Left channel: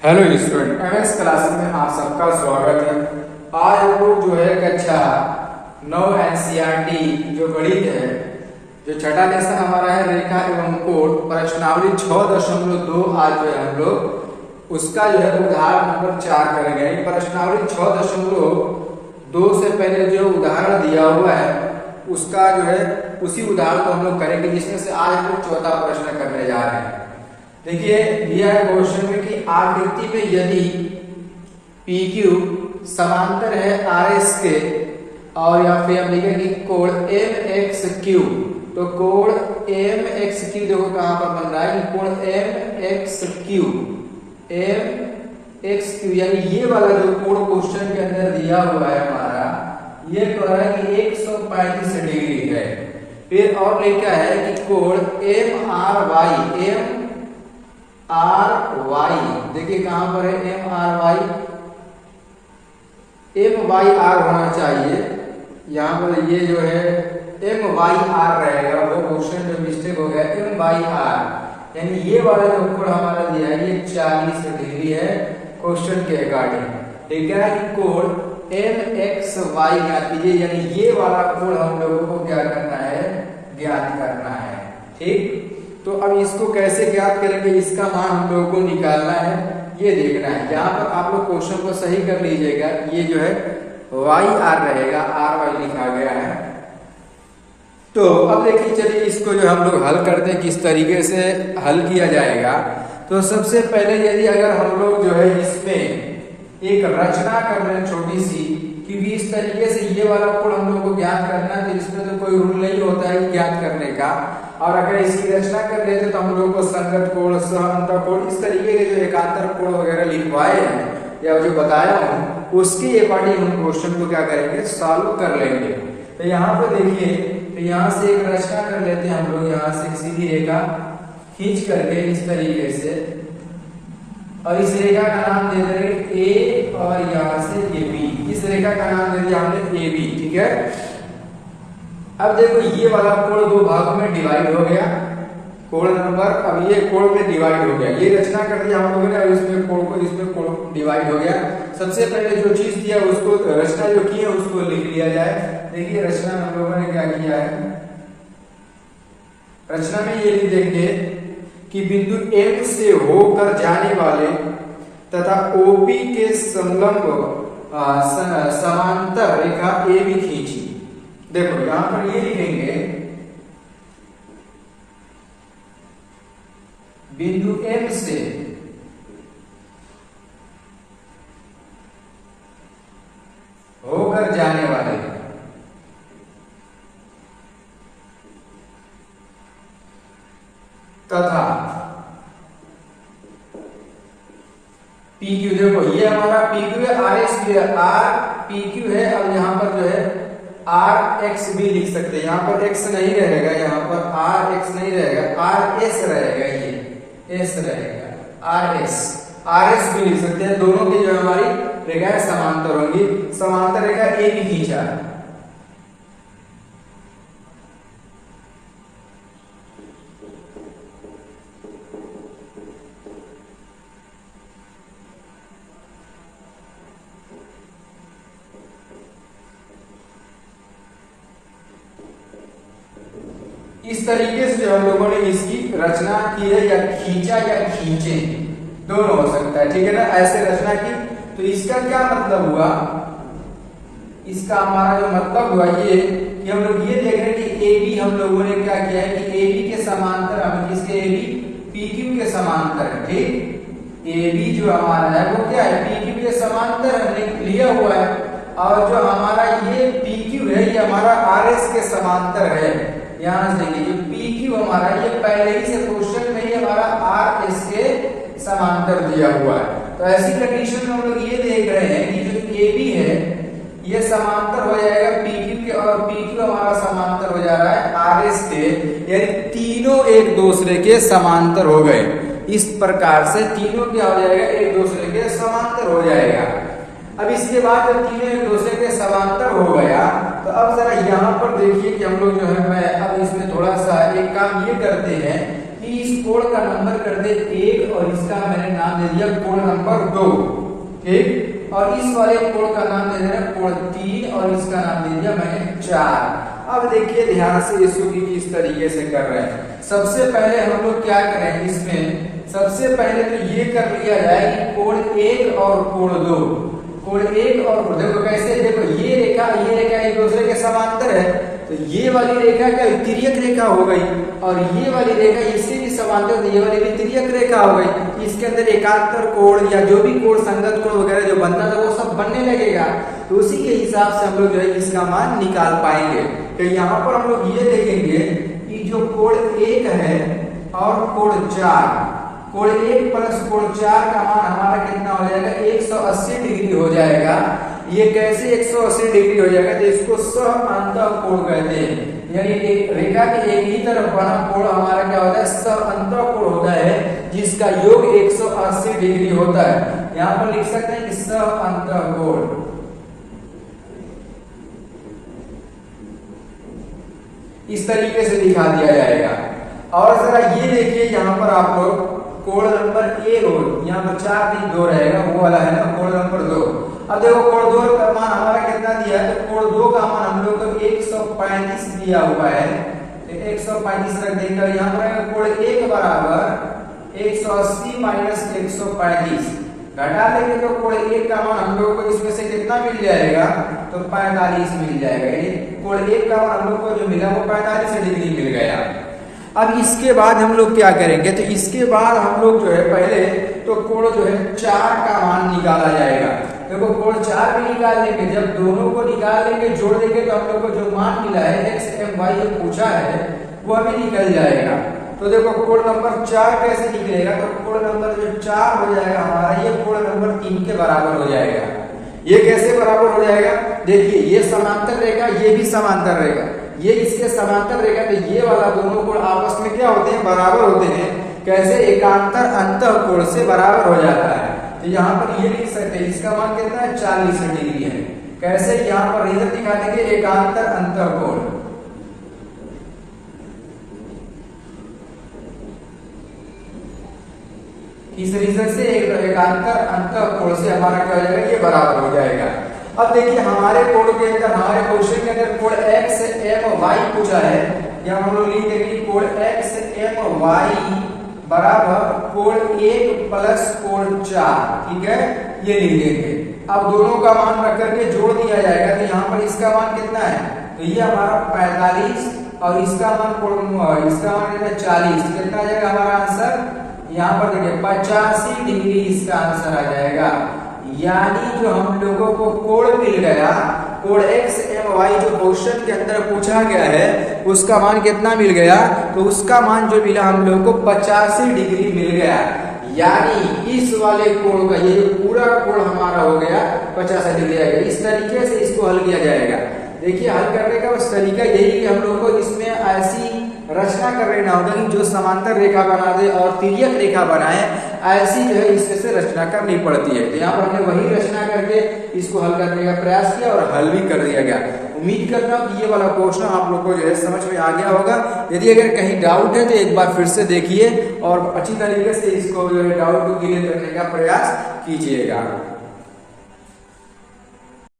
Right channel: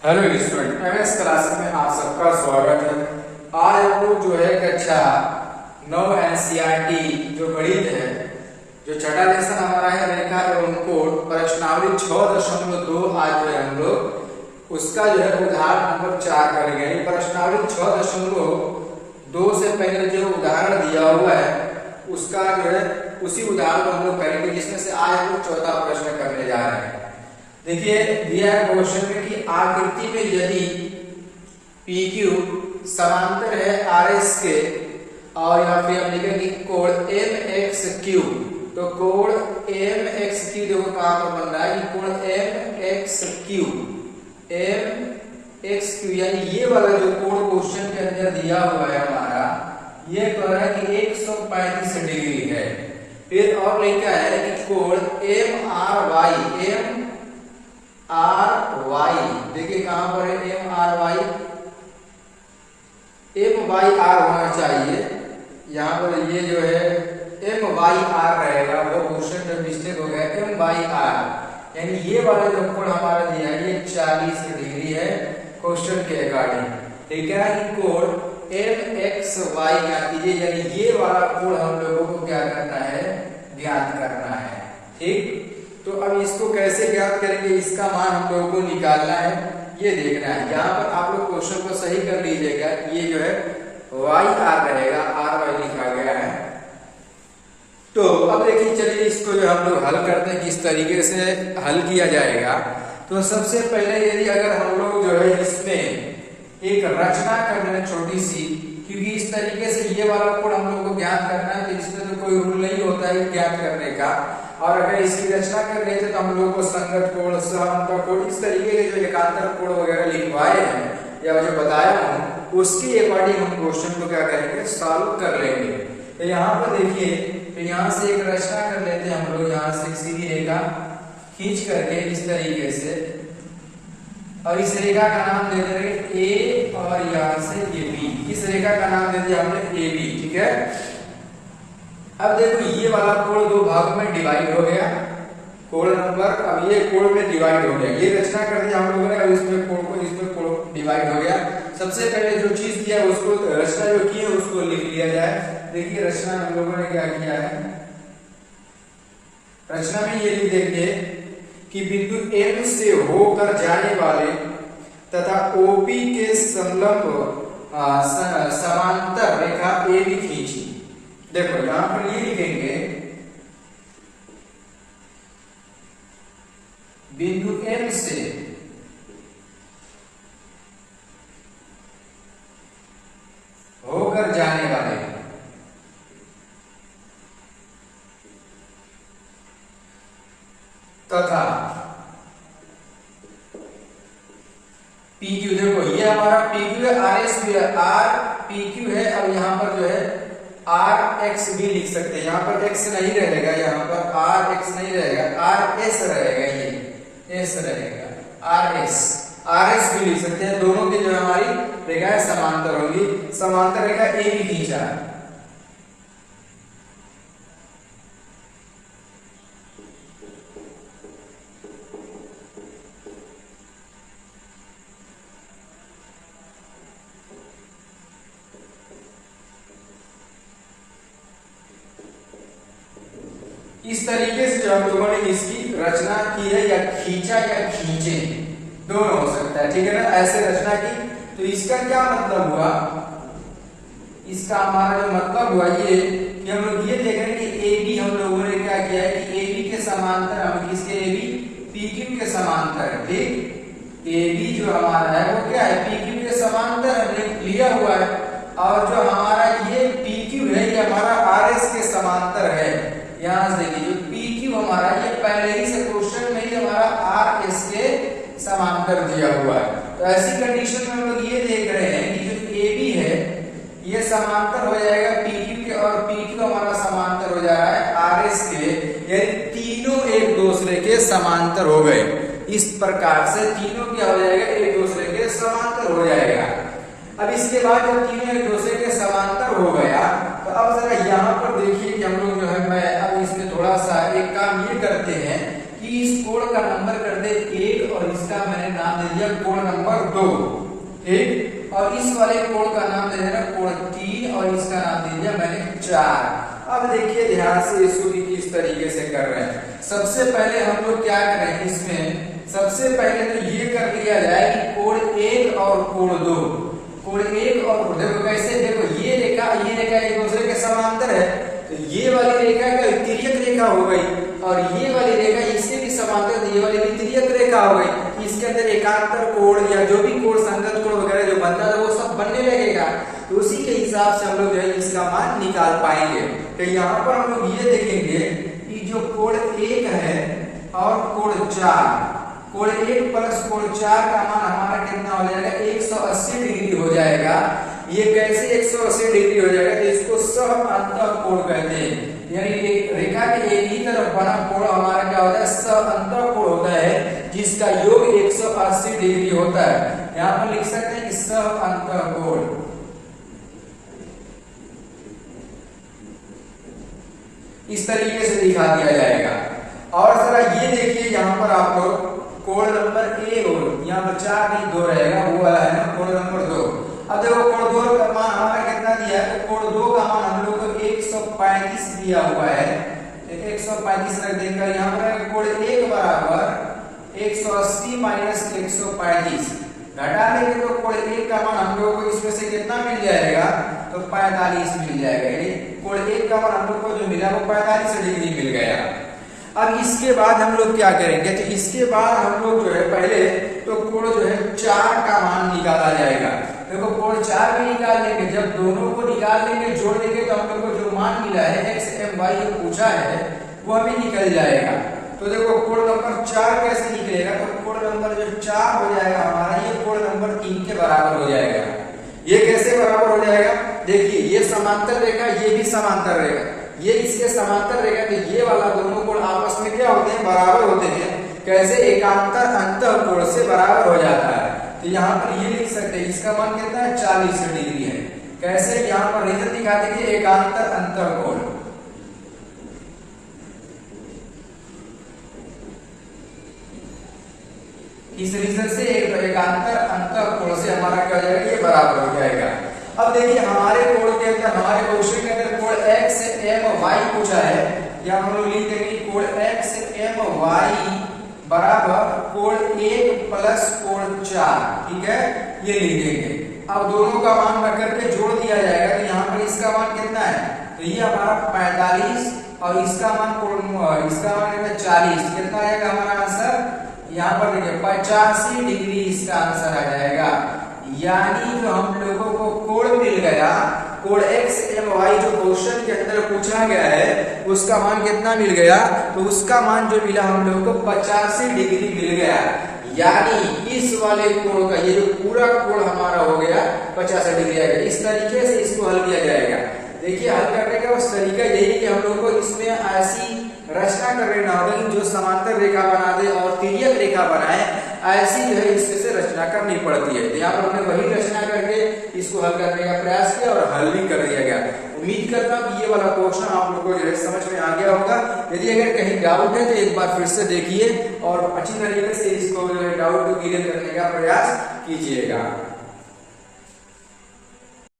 Hello student, MS classes में आप सबका स्वागत है। आज हम लोग जो है कक्षा 9 एनसीईआरटी जो गणित है, जो छठा लेसन हमारा है रेखा एवं कोण प्रश्नावली 6.2 आज जो है हम लोग उसका जो है उदाहरण नंबर 4 करेंगे। प्रश्नावली 6.2 से पहले जो उदाहरण दिया हुआ है उसका जो है उसी उदाहरण को हम लोग करेंगे, जिसमें से आज हम लोग चौथा प्रश्न करने जा रहे हैं। देखिए दिया है क्वेश्चन में कि आकृति में यदि PQ समांतर है RS के और या फिर हम लिखेंगे कोण MXQ, तो कोण MXQ देखो कहां पर बन रहा है कि कोण MXQ यानी ये वाला जो कोण क्वेश्चन के अंदर दिया हुआ है हमारा, ये कह रहा है कि 135 डिग्री है। फिर और लिखा है कि कोण MRY, देखिए कहां पर है MRY, MYR होना चाहिए। यहां पर ये जो है MYR रहेगा, वो क्वेश्चन जो मिस्टेक हो गया MYR, यानी ये वाला जो कोण हमारा दिया है ये 40 डिग्री है क्वेश्चन के अकॉर्डिंग। ठीक है कि कोण MXY ज्ञात कीजिए, यानी ये वाला कोण हम लोगों को क्या करना है, ज्ञात करना है। ठीक, तो अब इसको कैसे ज्ञात करेंगे, इसका मान हम लोगों को निकालना है, ये देखना है। यहाँ पर आप लोग क्वेश्चन को सही कर लीजिएगा, ये जो है YR रहेगा, RY लिखा गया है। तो अब देखिए चलिए इसको जो हम लोग हल करते हैं, किस तरीके से हल किया जाएगा। तो सबसे पहले यदि अगर हम लोग जो है इसमें एक रचना कर रहे हैं छोटी सी, क्योंकि इस तरीके से ये वाला कोण हम लोग को ज्ञात करना है, तो इसमें तो कोई रूल नहीं होता है ज्ञात करने का। और अगर इसकी रचना कर रहे थे तो हम लोग को संगत कोण, समांतर कोण, इस तरीके के जो एकांतर कोण वगैरह लिखवाए हैं या जो बताया हूं उसकी अकॉर्डिंग हम क्वेश्चन को क्या करेंगे, सॉल्व कर लेंगे। तो यहाँ पर देखिए, तो यहाँ से एक रचना कर लेते हैं हम लोग, यहाँ से सीधी रेखा खींच करके इस तरीके से, और इस रेखा का नाम दे देंगे ए और यहाँ से ये बी। इस रेखा का नाम दे दिया हमने ए बी। ठीक है, अब देखो ये वाला कोण दो भागों में डिवाइड हो गया, कोण नंबर, अब ये कोण में डिवाइड हो गया, ये रचना कर दिया हम लोगों ने, इसमें कोण को इसमें कोण डिवाइड हो गया। सबसे पहले जो चीज दिया उसको, रचना जो की है उसको लिख लिया जाए। देखिए रचना में हम लोगों ने क्या किया है, रचना में ये लिख देंगे कि बिंदु M से होकर जाने वाले तथा OP के संलग्न समांतर रेखा AB खींची। देखो यहां पर ये लिखेंगे बिंदु M से होकर जाने वाले तथा PQ, देखो ये हमारा PQ है, RS भी है, RPQ है। अब यहाँ पर जो है RX भी लिख सकते हैं, यहाँ पर X नहीं रहेगा, यहाँ पर RX नहीं रहेगा, RS रहेगा, ये S रहेगा, RS भी लिख सकते हैं। दोनों की जो हमारी रेखाएं समांतर होंगी, समांतर रेखा ए भी खींचा। इस तरीके से जो हम लोगों ने इसकी रचना की है, या खींचा या खींचे, दोनों हो सकता है। ठीक है ना, ऐसे रचना की। तो इसका क्या मतलब हुआ, इसका हमारा जो मतलब हुआ ये कि हम लोग ये देख रहे हैं कि AB हम लोगों ने क्या किया है कि AB के समांतर, हम इसके AB PQ के समांतर है। ठीक, AB जो हमारा है वो क्या है, PQ के समांतर हमने लिया हुआ है, और जो हमारा ये PQ है ये हमारा RS के समांतर है। यहां से देखिए जो PQ हमारा ये पहले ही से क्वेश्चन में ही हमारा RS के समांतर दिया हुआ है। तो ऐसी कंडीशन में हम लोग ये देख रहे हैं कि जो AB है ये समांतर हो जाएगा PQ के, और PQ हमारा समांतर हो जा रहा है RS के, यानी तीनों एक दूसरे के समांतर हो गए। इस प्रकार से तीनों क्या हो जाएगा, एक दूसरे के समांतर हो जाएगा। अब इसके बाद जब तीनों एक दूसरे के समांतर हो गया, तो अब जरा यहाँ पर देखिए कि हम लोग जो है, मैं अब इसमें थोड़ा सा एक काम ये करते हैं कि इस कोण का नंबर कर दे 1 और इसका मैंने नाम दे दिया कोण नंबर 2, ठीक। और इस वाले कोण का नाम दे दिया कोण 3 और इसका नाम दे दिया मैंने 4। अब देखिए ध्यान से इसको किस तरीके से कर रहे हैं। सबसे पहले हम लोग क्या करेंगे इसमें, सबसे पहले तो ये कर लिया जाए कि कोण 1 और कोण 2, कोण 1 और कोण, देखो कैसे, देखो ये रेखा एक दूसरे के समांतर है, तो ये वाली रेखा का तिर्यक रेखा हो गई और ये वाली रेखा इसके भी समांतर, ये वाली भी तिर्यक रेखा हो गई। इसके अंदर एकांतर कोण या जो भी कोण, संगत कोण वगैरह जो बनना था वो सब बनने लगेगा। तो उसी के हिसाब से हम लोग जो है इसका मान निकाल पाएंगे। तो यहाँ पर हम लोग ये देखेंगे कि जो कोण 1 है और कोण 4, कोण 1 प्लस कोण 4 का मान हमारा कितना हो जाएगा, 180 डिग्री हो जाएगा। ये कैसे 180 डिग्री हो जाएगा, तो इसको सह-अंतः कोण कहते हैं। यानी रेखा के एक ही तरफ बना कोण हमारा क्या होता है, सह-अंतः कोण होता है, जिसका योग 180 डिग्री होता है। यहाँ पर लिख सकते हैं कि सह-अंतः कोण, इस तरीके से दिखा दिया जाएगा। और जरा ये देखिए यहाँ पर आप लोग कोण नंबर 1 और यहाँ पर 4 नहीं 2 रहेगा, वो वाला है ना कोण नंबर 2। अब देखो कोण 2 का मान हमारा कितना दिया है, तो कोण 2 का मान हम लोग को 135 दिया हुआ है, 135 रख देंगे। यहाँ पर कोण 1 बराबर 180 माइनस 135 घटा देंगे तो कोण 1 का मान हम लोग को इसमें से कितना मिल जाएगा, तो 45 मिल जाएगा। कोण 1 का मान हम लोग को जो मिला वो 45 डिग्री मिल गया। अब इसके बाद हम लोग क्या करेंगे, तो इसके बाद हम लोग जो है पहले तो कोण जो है 4 का मान निकाला जाएगा। देखो कोण 4 भी निकाल लेंगे, जब दोनों को निकाल लेंगे जोड़ देंगे तो हम लोग को जो मान मिला है x m y ये पूछा है वो भी निकल जाएगा। तो देखो कोण नंबर 4 कैसे निकलेगा, तो कोण नंबर जो 4 हो जाएगा हमारा, ये कोण नंबर 3 के बराबर हो जाएगा। ये कैसे बराबर हो जाएगा, देखिए ये समांतर रेखा, ये भी समांतर रेखा, ये इसके समांतर रेखा, तो ये वाला दोनों कोण आपस में क्या होते हैं, बराबर होते हैं। कैसे, एकांतर अंतः कोण से बराबर हो जाता है। तो यहाँ पर ये लिख सकते हैं, इसका मान कितना है, 40 डिग्री है। कैसे, यहाँ पर रीजन दिखाते हैं एकांतर अंतः कोण, इस रीजन से एकांतर अंतः कोण से हमारा क्या हो जाएगा, ये बराबर हो जाएगा। अब देखिए हमारे कोण के अंदर, हमारे क्वेश्चन के अंदर कोण x m y पूछा है, या हम लोग लिख देंगे कोण x m y बराबर कोण 1 प्लस कोण 4, ठीक है, ये लिख देंगे। अब दोनों का मान रख करके जोड़ दिया जाएगा, तो यहाँ पर इसका मान कितना है, तो ये हमारा 45 और इसका मान इसका मान कितना 40, कितना आ जाएगा हमारा आंसर, यहाँ पर देखिए 85 डिग्री इसका आंसर आ जाएगा। यानी जो हम लोगों को कोण मिल गया, कोण x m y जो क्वेश्चन के अंदर पूछा गया है उसका मान कितना मिल गया, तो उसका मान जो मिला हम लोग को 85 डिग्री मिल गया। यानी इस वाले कोण का ये जो पूरा कोण हमारा हो गया 85 डिग्री आएगा। इस तरीके से इसको हल किया जाएगा। देखिए हल करने का बस तरीका यही कि हम लोग को इसमें ऐसी रचना कर लेना होगा जो समांतर रेखा बना दे और तिर्यक रेखा बनाए, ऐसी जो है इसमें से रचना करनी पड़ती है। तो यहाँ पर हमने वही रचना करके इसको हल करने का प्रयास किया और हल भी कर दिया गया। उम्मीद करता हूँ ये वाला क्वेश्चन आप लोग को जो है समझ में आ गया होगा। यदि अगर कहीं डाउट है तो एक बार फिर से देखिए और अच्छी तरीके से इसको डाउट को क्लियर करने का प्रयास कीजिएगा।